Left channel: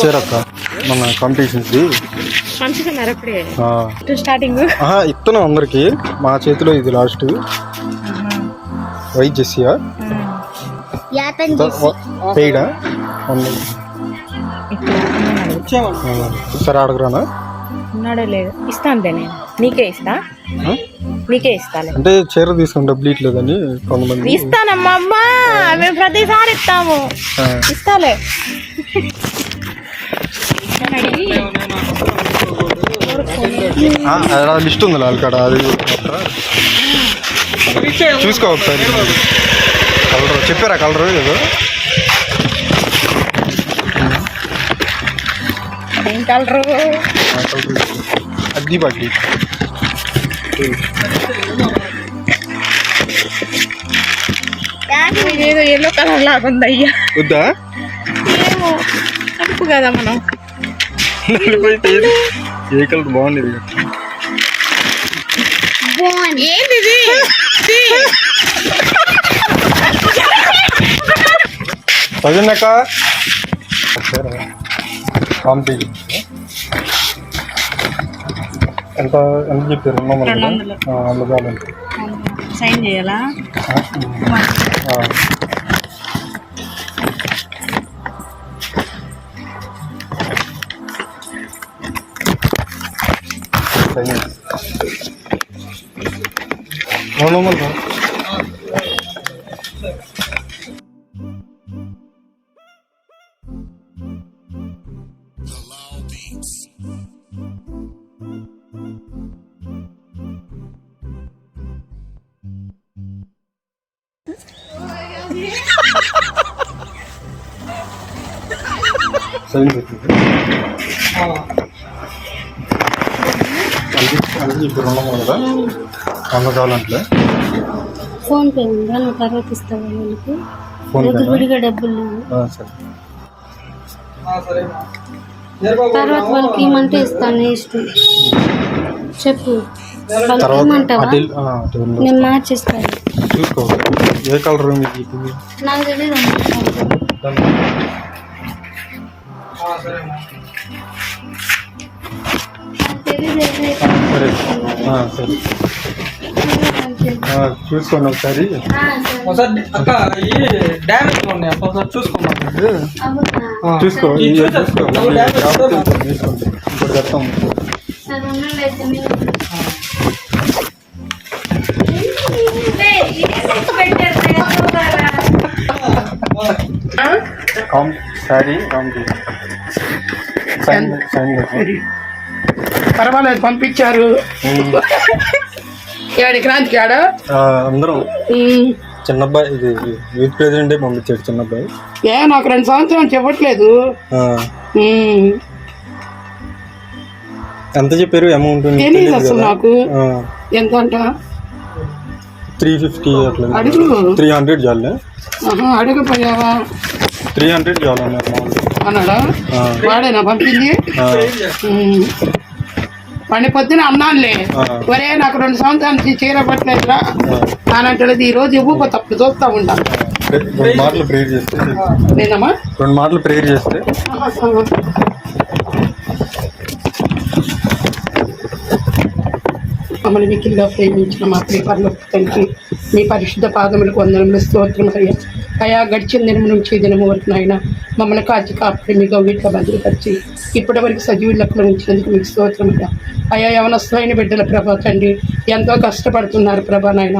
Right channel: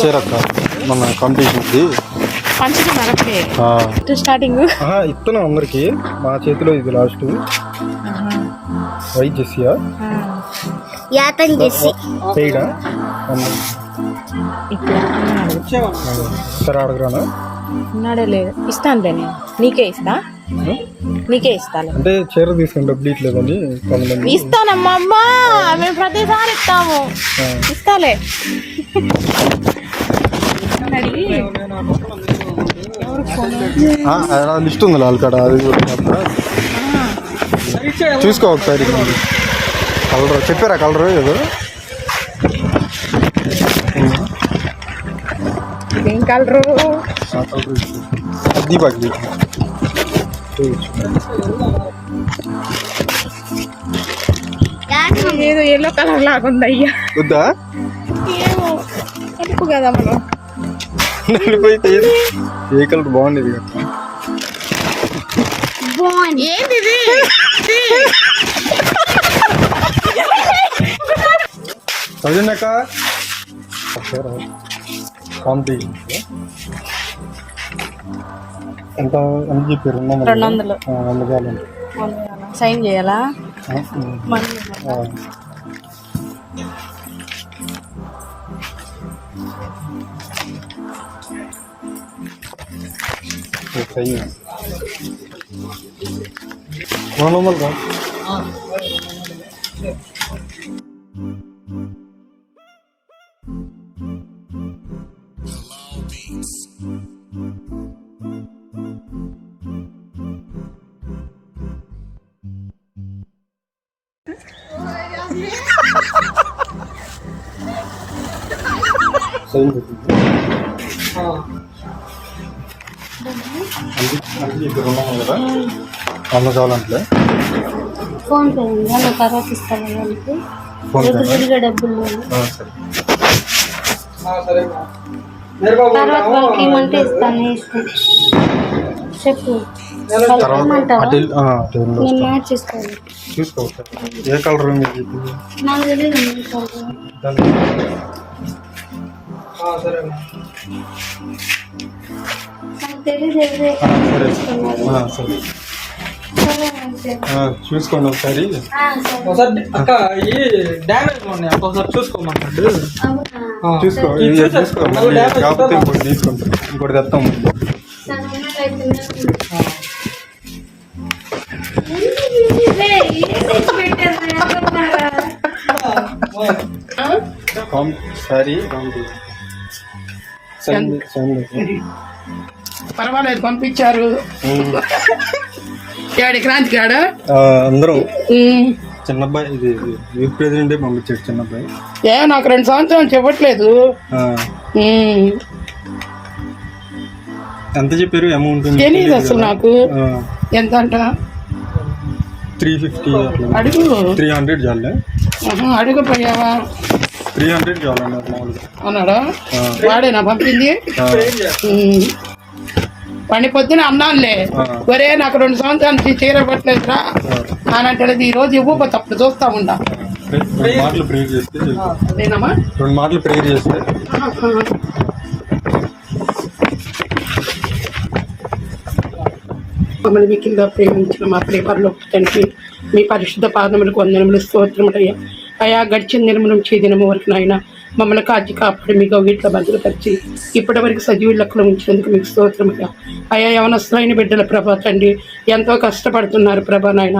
చేరక్క మన కాంపిటీషన్కి స్టార్టింగ్ ఇస్తున్నాం అందరికి. మా చేతిలో ఇది లాస్ట్. వైట్ జెస్సియా పెయిడా సరే అడగరానా? ఉన్నాడో లేదు ఇస్తాను నేను నీకే ఇస్తాను అంటే చీర తీసుకుని డబ్బులు ఇట్లేదని కొంతమంది. ఇస్తానమ్మా అమ్మా, మేము ప్రతిసారి ఇస్తాము. ఇస్తాలే లిస్ట్ ఉంది వాళ్ళకాడ, అది చూసుకో ఒకసారి. కలర్ చెప్పారా? కలర్ ఏదో ఏం కలరు? అది బాగి ఏదో ఎల్లో కలర్ లాగుంది అయ్యా. వద్దా? ఏమో అనుకు కదా మనం. నలిపోయితే ఏ కలర్ బాగుండేది కదా. ఏంటిది? చదివినాక కాంపిటీషన్ ఎంత ఎంత చెప్పారు? 200 కావాలండి. సైన్ చేయాలా? సైన్ 200 సైన్ పెట్టింది. అది ఇప్పుడు 200 కదా. 100 కావాలంటే ఫోన్ పే ఉందా? నువ్వు తర్వాత ఇస్తాను వాళ్ళకి. విడిగా డబ్బులు తర్వాత వాళ్ళకి ఇవ్వమంటే ఇస్తాను. ఇష్టం చెప్పు. నేను మార్చిస్తాను. చూసుకో ఏ కలర్ మీకు నాకు తెలియదు. సరే సరే చూసుకోండి ఒకసారి. చూసుకో తీసుకుంటాం. ఇంకోటి చెప్తాం. సారీ పర్వాలేదు పంపించారు. ఏడు క్రాంతి కాడ అందరం చిన్నబ్బాయి ఇది యూత్ ప్రెసిడెంట్ పంపించాడు. చిన్నబ్బాయి నాకు 2 సంవత్సరాలు చెప్పట్లేదు. ఎంత చెప్పారు అమౌంట్? తెలియదు అసలు నాకు. ఎంత అంట? 350 అట్లా. అడుగు. 300 చాలే. అడగపోయావా? 300 చాలన్నారు మామూలు అన్నాడా? వాడేనా పంపింది? వాడిని పొద్దున అన్నానులే, ఒరే నాకు 2 సంవత్సరాల నుంచి చీర పట్టలేదురా అని అంటాడు. ఈ రోజు ఇవ్వకపోతే అప్పుడు చూస్తా ఉండా. 2 మాటలు ప్రేయర్ చేస్తే నేనమ్మా 2 మాటలు ప్రేయర్ చేస్తే మమ్మల్ని మిక్కిలిగా ప్రేమించిన మా ప్రియపరలో తండ్రి, మీ పరిశుద్ధ పాదములకు వందనములు, స్తోత్రములయ్యా. అయా గడిచిన దినము నుంచి ఈ దినము వరకు నాయన మమ్మల్ని కాచి కాపాడి మీ గౌగిట్లో భద్రపరిచి ఇప్పటి వరకు సజీవులకులు ఉంచినందుకు మీకు స్తోత్రముగా. అయా యవనస్తులైన బిడ్డల ప్రభా తండ్రి, ఎంతో కష్టపడుతున్నారు ప్రభా నాయన.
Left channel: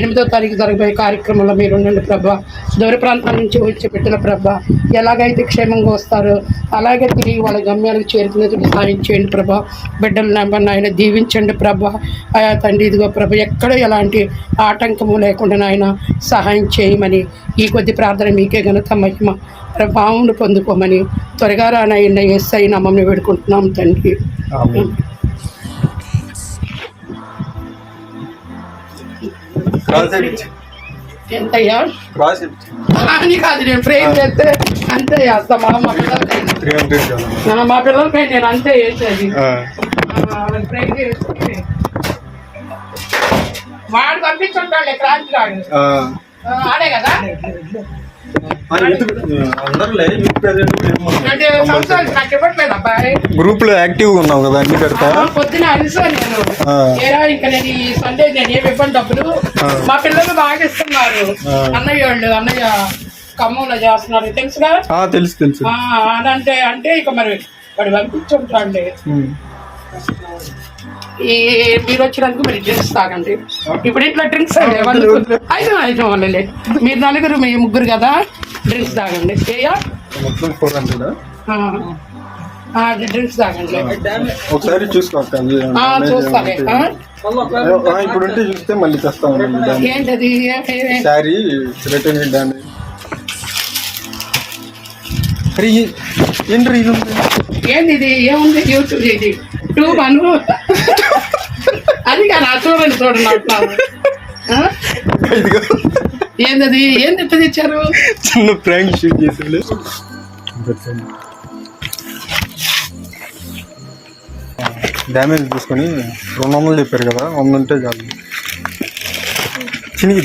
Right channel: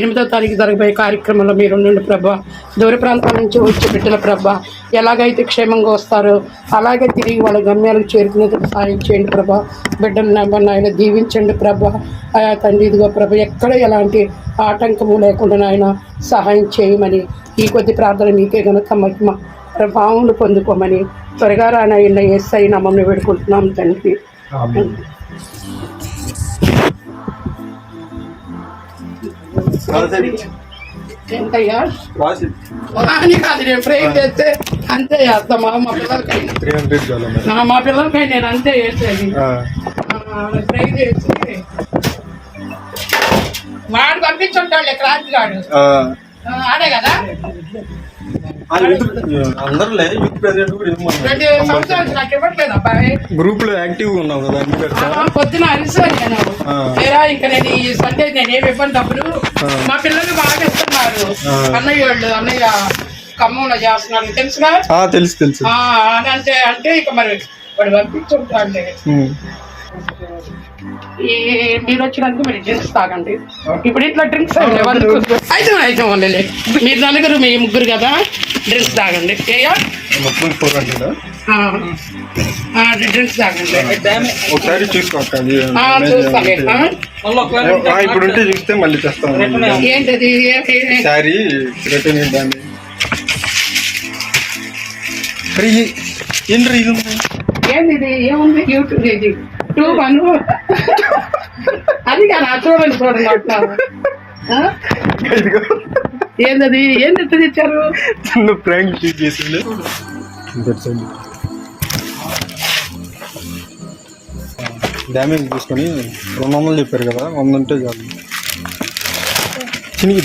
8వ తారీఖు జరగబోయే కార్యక్రమంలో మీరు ఉండండి ప్రభా. దూర ప్రాంతాల నుంచి వచ్చే బిడ్డల ప్రభా ఎలాగైతే క్షేమంగా వస్తారో అలాగే తిరిగి వాళ్ళ గమ్యాలకు చేరుకునేందుకు సాయం చేయండి ప్రభా. బిడ్డలు నెమ్మది నాయన దీవించండి ప్రభా. అయా తండ్రి ఇదిగో ప్రభా ఎక్కడ ఎలాంటి ఆటంకము లేకుండా నాయన సహాయం చేయమని ఈ కొద్ది ప్రార్థన మీకే గనుక మహిమ ప్రభావమును పొందుకోమని త్వరగా రానయ్య యేసయ్య నామమున వేడుకుంటున్నాం తండ్రి. ఆమేన్. ఎంతయ్యా అని కాదు, నేను ఫ్రేమ్ చేస్తే అంతే చేస్తామా మా పిల్లలకైనా. 300 చాలు. మా పిల్లలకై నేను అంతే చేసేది. ఫ్రేమ్ చేస్తే వాడు పంపించుంటాడులే క్రాంతి గాడు, ఆడే కదా. అందరులే యూత్ ప్రెసిడెంట్ కూడా 2 సంవత్సరాలు నాకు ఇవ్వట్లేదు అబ్బాయి. గ్రూప్ లో యాక్టివ్ గా ఉన్నావు కదా అన్ని పెడతా. పొద్దున అలిసాను నేను. ఇంకా నేను ఈ సండే నేను ఏమి ఇవ్వను డబ్బులు. మా పిల్లలు బాగా ఇస్తున్నారు. అన్నయ్య ఖమ్మంలో చేస్తున్నారు తెలుసుగా. తెలుసు అంటే అంటే ఇక మరి వాడు పంపించుంటాడులే. మీరు వచ్చినందుకు మీరు డ్రింక్స్ తాగండి. ఇప్పుడు ఇట్లా డ్రింక్స్ అయితే వాళ్ళలే మీరు 4 మీ 3 కదా, డ్రింక్స్ తాగండి. డ్రింక్స్ తాగండి. ఒకసారి చూసుకోక ఇప్పుడు ఉంటే చూస్తే మళ్ళీ తెస్తాను. ఏంటది సారీ రిటర్న్ డ్యామేజ్. ఏంది ఇది? ఏముంది యూట్యూబ్ ఇది ట్యూబ్ అను అది కానీ చూడండి అంటున్నాను. ఏంది ఏంది ఎట్లా తెచ్చారు? చిన్న ప్రాంక్ షూట్ చేసింది. డ్యామేజ్ చూసుకొని 200 చెప్పారు కదా, 100 ఉంటే చాలు. చినిగి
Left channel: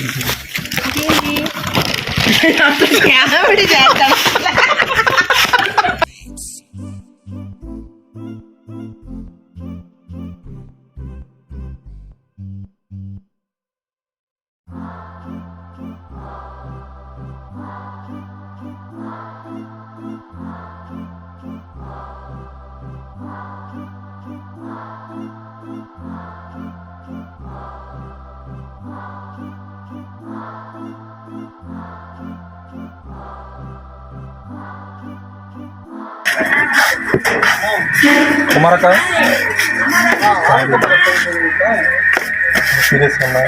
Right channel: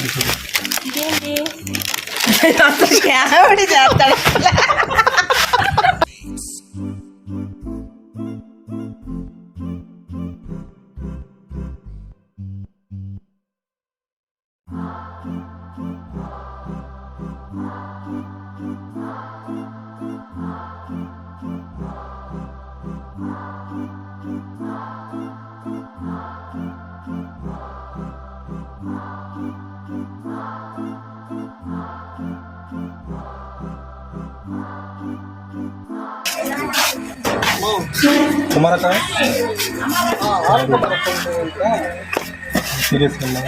కుమారకాయ సీరియస్ అన్నా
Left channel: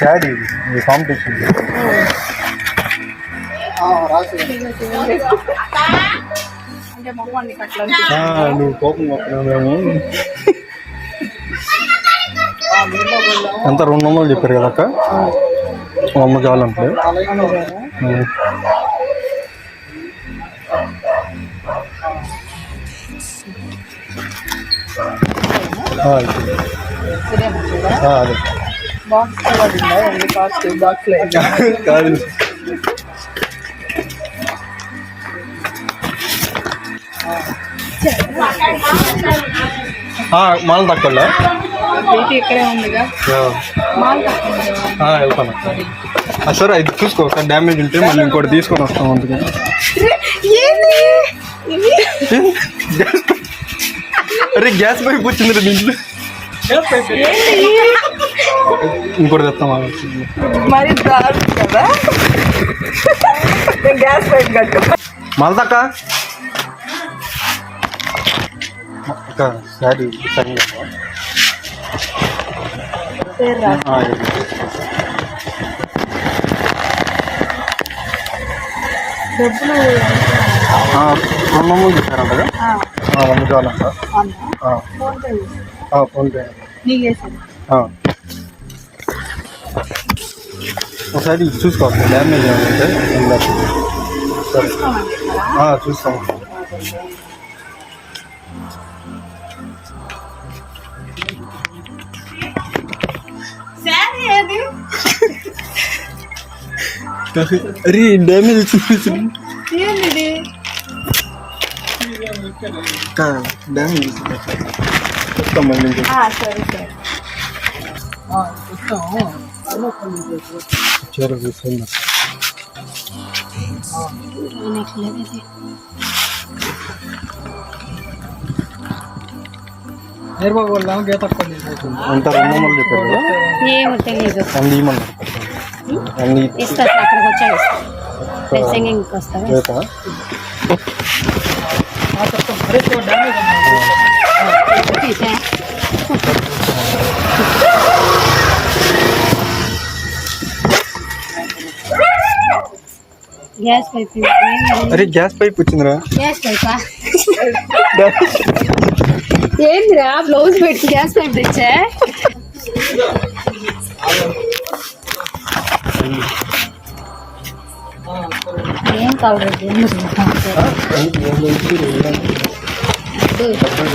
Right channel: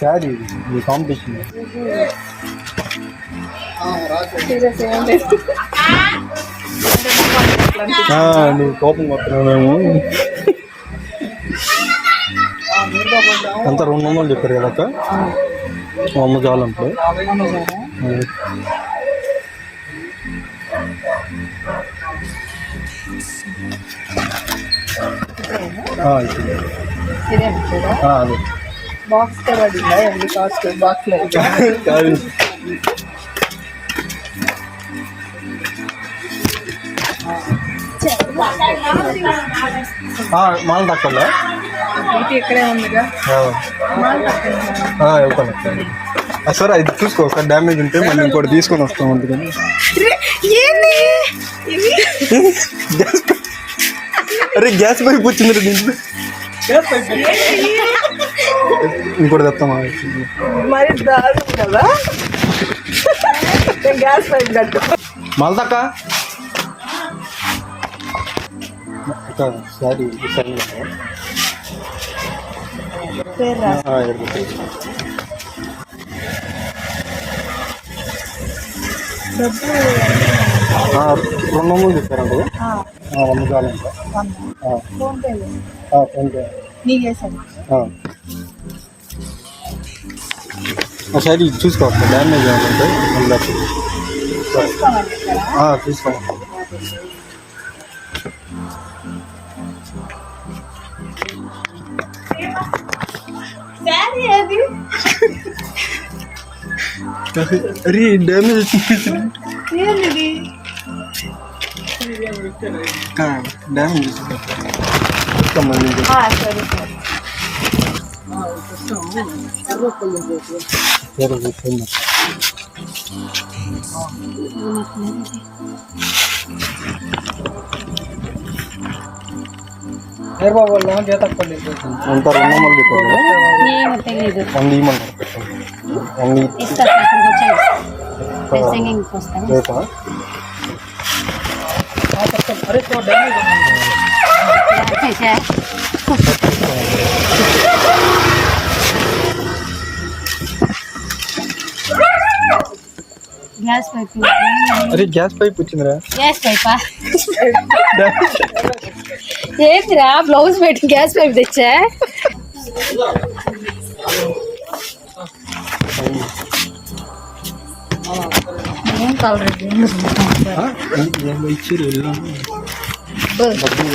శారీ ఈ కాంపిటీషన్ నువ్వు కోపం వస్తున్నావు. ఎంత 200 చెప్పారు కదా అక్క, 100 చాలంటే. అదే బాక్స్ పడిందా? ఎన్ని కాస్ట్ బాక్స్ కాదు. మాల తక్కువ ఇక్కడే ఉందిగా వెళ్తాను. సరే అది చూసుకో, ఒకసారి డ్యామేజ్ ఉంటే మళ్ళీ ఇంకోటి తీసుకొని వస్తాం. అందుకని అరే గ్యాస్ పైప్ వచ్చింది దీంట్లో, ఇంకోటి తెస్తాం. మరి కదా గ్యాస్ పైప్ కట్టు మళ్ళీ సారీ డబ్బులు 200 చెప్పారంట. 100 చాలంట. ఫోన్పే నీకు వేసాను. ఒకసారి చూసుకోవాలి డ్యామేజ్ ఏమంటే. చూసుకో. అరే డ్యామేజ్ ఏంటిది డ్యామేజ్ మళ్ళీ సరే సరే చీర చూస్తుంది. అంత 2 వందలు చెప్పారు కదా, ఏమో తెలీదు 100 ఇవ్వమన్నారు. 100 ఇస్తా అక్కడికి వచ్చాను సింగింగ్కి వస్తాను రేపా? గ్యాస్ పైప్ అరే గ్యాస్ పైప్ వచ్చిందిరా. గ్యాస్ పైపా ఏందిరా బ్లౌజ్ పెట్టి గ్యాస్ పైప్ తెచ్చా ఏం కావాలి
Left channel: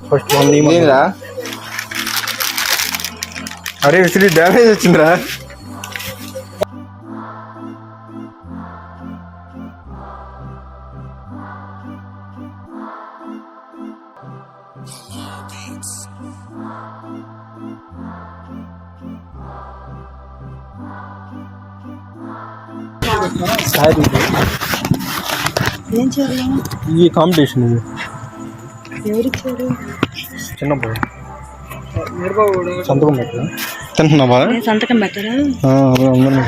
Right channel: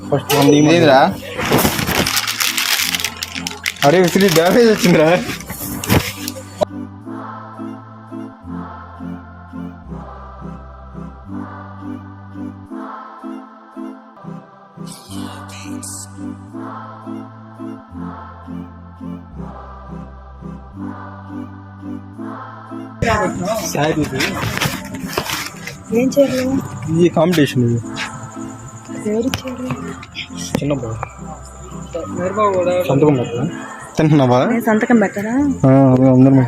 ఫస్ట్ 100 ఇవ్వమన్నారు. అరే విసిరి డ్యామేజ్ వచ్చిందిరా. సారీ ఏం చేయాలి ఈ కాంపిటీషన్ ఇది ఎవరిచ్చారు చిన్న బాయ్ సంతకం పెట్టరా? తింటున్నావా? నేను సంతకం పెట్టరా అందరం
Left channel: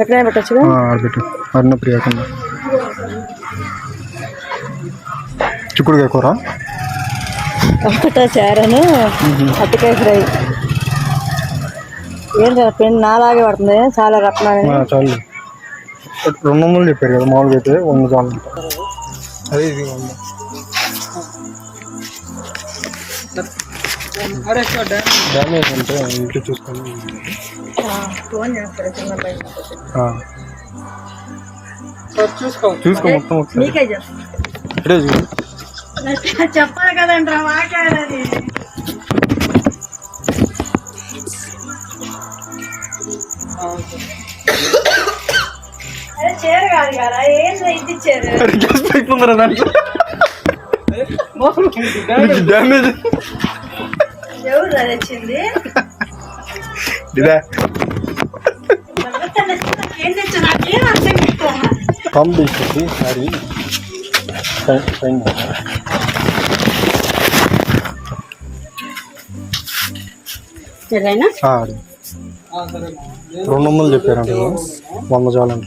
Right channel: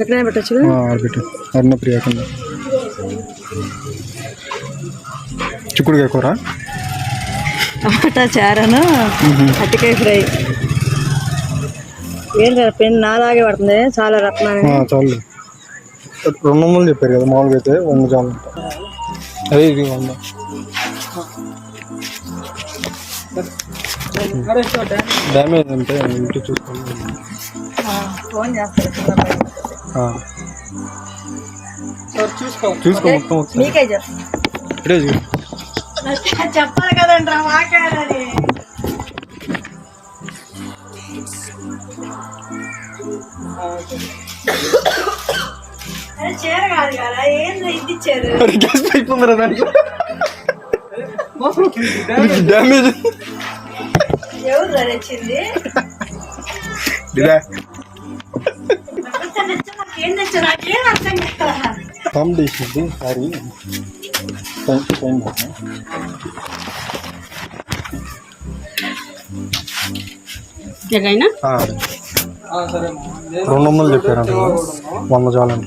ఎక్కడ పెట్టచ్చు ఆడబెట్టు అన్న ప్రియాకుండా చిక్కుడుకాయ కూర చారను అట్టికాయ ఫ్రై ఏంటి పెన్ నాలాగే పడుతుంది చాలా రత్నాలు చాలు 200 చెప్పారు కదా, మామూలుగా అయితే 100 చాలు అంట. అదే ఇది 100. డ్యామేజ్ అంటే ఇంటి చూసుకోండి. ఫోన్ చేస్తారు చూసుకో మొత్తం ఒకసారి ఇక్కడే చూడు. చెప్పాలి కదండి వాకాడని అరే చీర కాదు కదా ఏంటి ఇది ఇచ్చారు గ్యాస్ పైప్ ఉందరా దాంట్లో డ్యామేజ్ ఎవరు నచ్చింది నాకేం తెచ్చు నాకేం అర్థం కదా కాంపిటీషన్ సారీ ఫైన్ 200 చెప్పారంట, 100 చాలంట.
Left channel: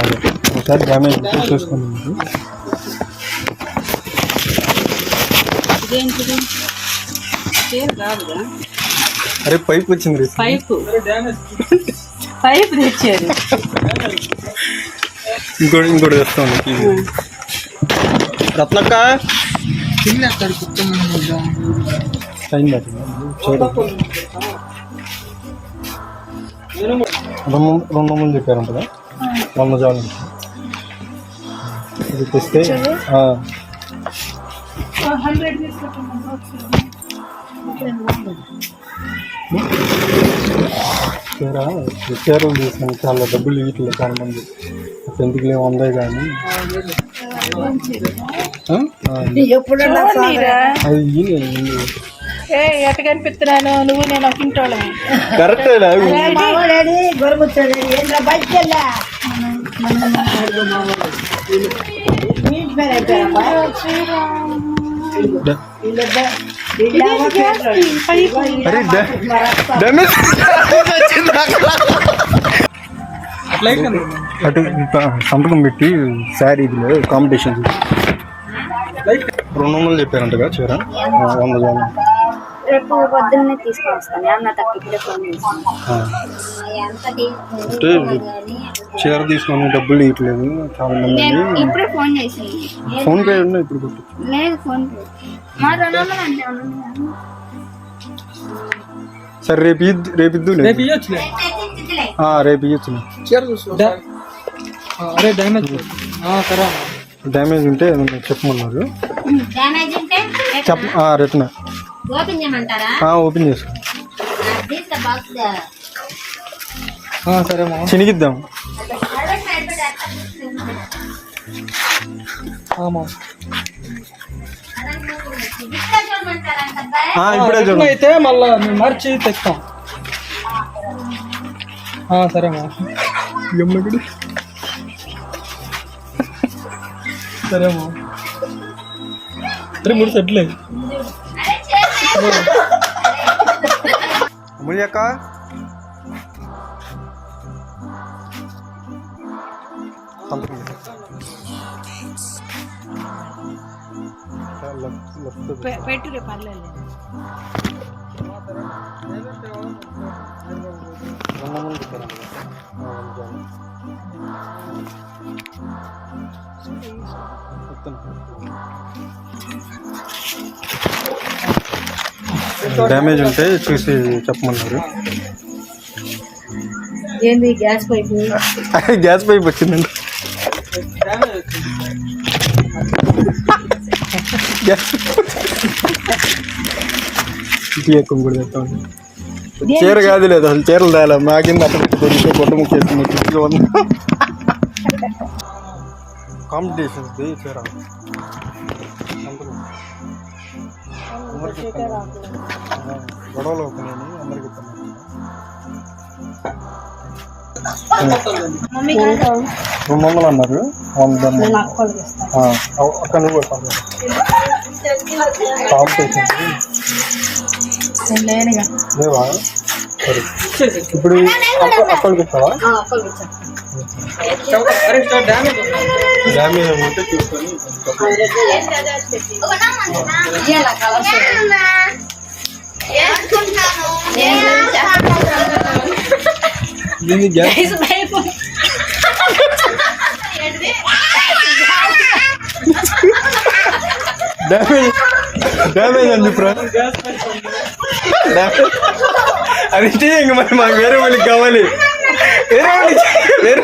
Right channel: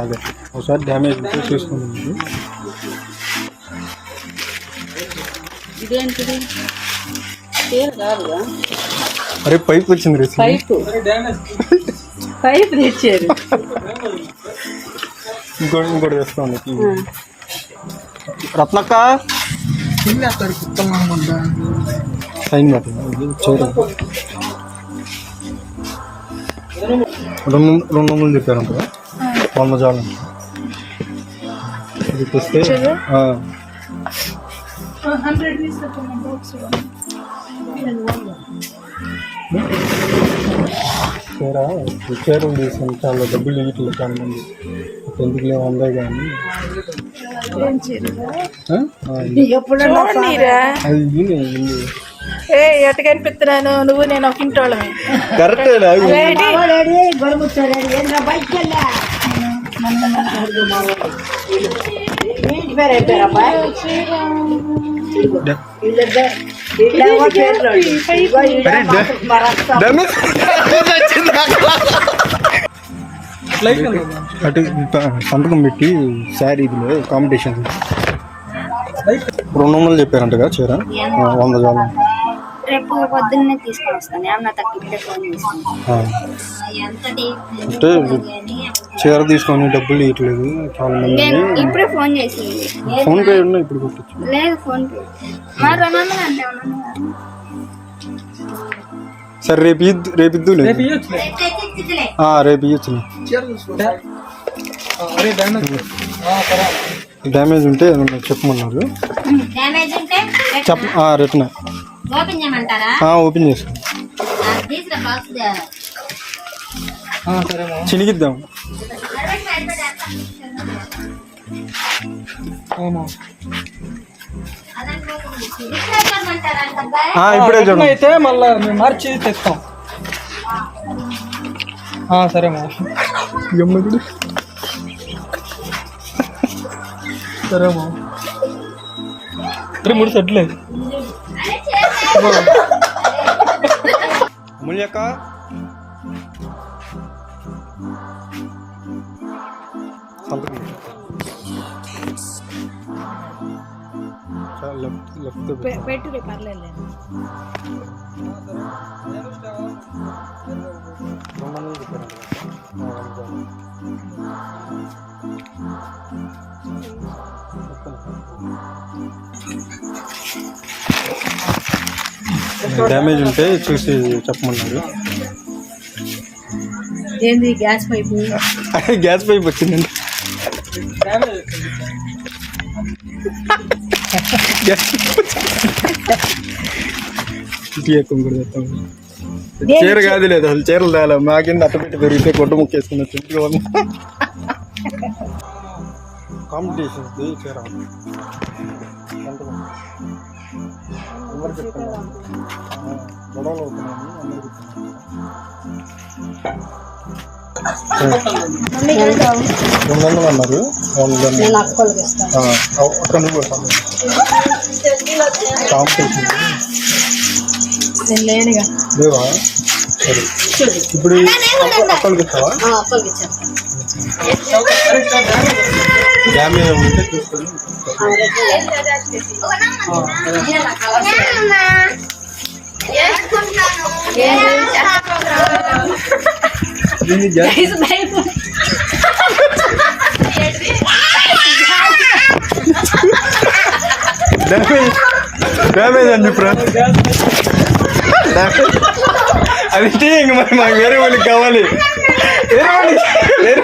అదే ఒకసారి డ్యామేజ్ చూసుకోండి. అరే పైప్ వచ్చింది రే. పైప్ తెచ్చారు ఇంకోటి తెస్తాను. రత్నక్క సైన్ చేయడం 200 చెప్పారంట, 100 చాలంట. ఇది తెస్తే చీరలు తీసుకొని చాలా డబ్బులు ఇట్లా చాలా మంది ఎందుకు లేవు 100 కానీ అది ఎట్ట కనిపిస్తున్నాను నువ్వు నేను ఒక ఇంటోళ్ళమే కరెక్ట్. అటు సంతకం పెట్టి శారీ ఇదిలో కాంపిటీషన్ 200 చెప్పారంట కదా చీర, 100 చాలు. రేపు పొద్దున్నే తీసుకొని వస్తాను. అన్న తక్కువ ఇప్పుడే ఫోన్ చేస్తాను. అంటే చీర తీసుకొని డబ్బులు ఇవ్వట్లేదు చాలా మంది అని ఇప్పుడే ఫోన్ చేసింది. ఫోన్ పే ఉన్నా ఇప్పుడు కొట్టచ్చు. లేదు ఫోన్ పే మరి 200 అంటే సరే రేపు ఇద్దు రేపు ఇవ్వచ్చులే. డ్యామేజ్ ఉంటే చెప్పమన్నారు. రిటర్న్ ఓపెన్ చేసుకోండి. చినిగిద్దాం. ఇప్పుడే చూడండి. అయితే మళ్ళీ మేము మార్చి తెస్తాం. సరేమా సరేమా 3 సెట్లే. అమూల్యక్క సంతకం పెట్టురే పర్లేదు. డ్యామేజ్ ఉంటే చూసి చెప్పమన్నారు. ఏంది గ్యాస్ పైప్? గ్యాస్ పైప్ వచ్చిందండి. కూడా చెప్తాం. చీర కాదు లేదు అసలు చీరలు తేలా మా కింద అట్ట దొరికితే గుడ్డ ముక్కేస్తుంది. చుట్టుగా ఉంది కాంపిటీషన్ చీర. గొడవలు అవుతున్నాయి అందరికీ. 200 అన్నారు. అక్కడ నువ్వు కాంపిటీషన్ లేవా? సరే ఇప్పుడు అక్కడికి ఇస్తావా? డ్యామేజ్ ఉంటే చూసుకొని డ్యామేజ్ అని చెప్పరా? అది ఇంక మరి మాకు వేరే వాళ్ళకి కావాలి. వేరే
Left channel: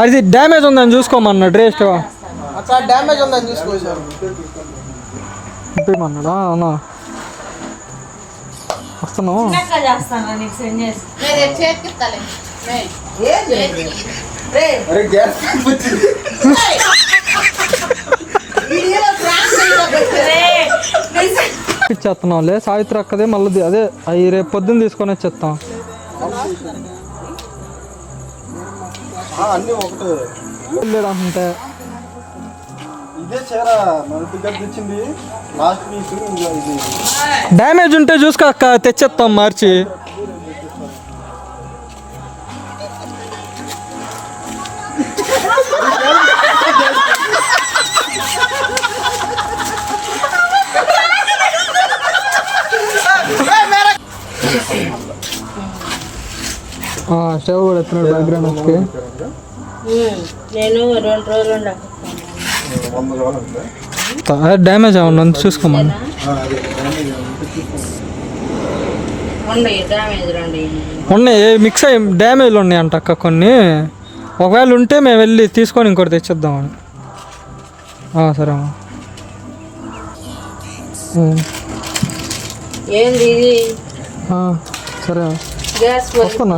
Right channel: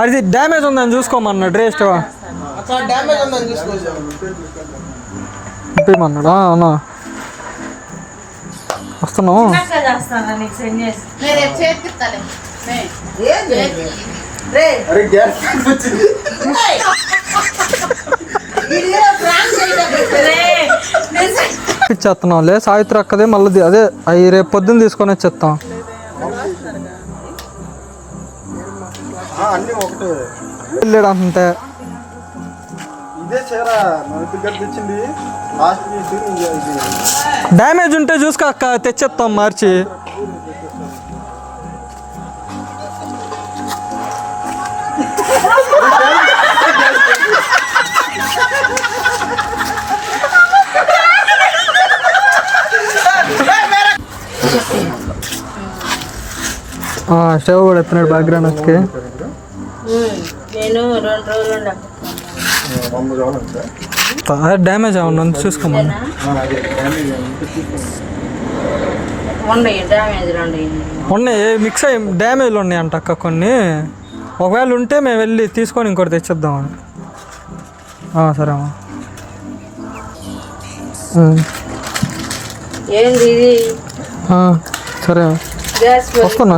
అది డ్యామేజ్ ఉందని చూసుకోమన్నా. డ్రెస్ డ్యామేజ్ ఉందని చూసుకోమన్నాడా? అవునా వస్తున్నావు. ఇచ్చేస్తున్నాంలే సావిత్రి అక్కదే. మళ్ళీ అదే అవి రేపు పొద్దున్న తీసుకొని వచ్చేస్తాం. అన్నీ ఒకటే వెళ్ళాడు అంతే. ఇదే చీర మన దగ్గర తెచ్చింది లాస్ట్ వీక్. ఇది డ్యామేజ్ ఉంటే చూసుకో అక్క, తెచ్చేస్తాం మార్చి. స్టవ్ కూడా ఎత్తున్నాడు బ్యాక్గ్రౌండ్ వచ్చి. నేను 2 రోజులు డ్యామేజ్ ఏమన్నా చూసుకోమన్నా. ఉన్నాయి మిక్స్ అయ్యి డ్యామేజ్లు ఉన్నాయి అంట అక్క కొన్ని. ఒకవేళ ఉంటే మేము వెళ్ళి తీసుకొని ఇంకోటి తెచ్చేద్దామని. సరే అమ్మా. సరే వస్తున్నా.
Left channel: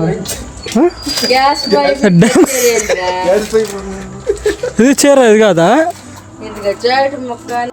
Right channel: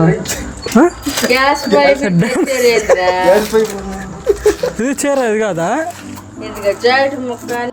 ఇది చీర ఇది కాదా? జాకెట్ ముక్క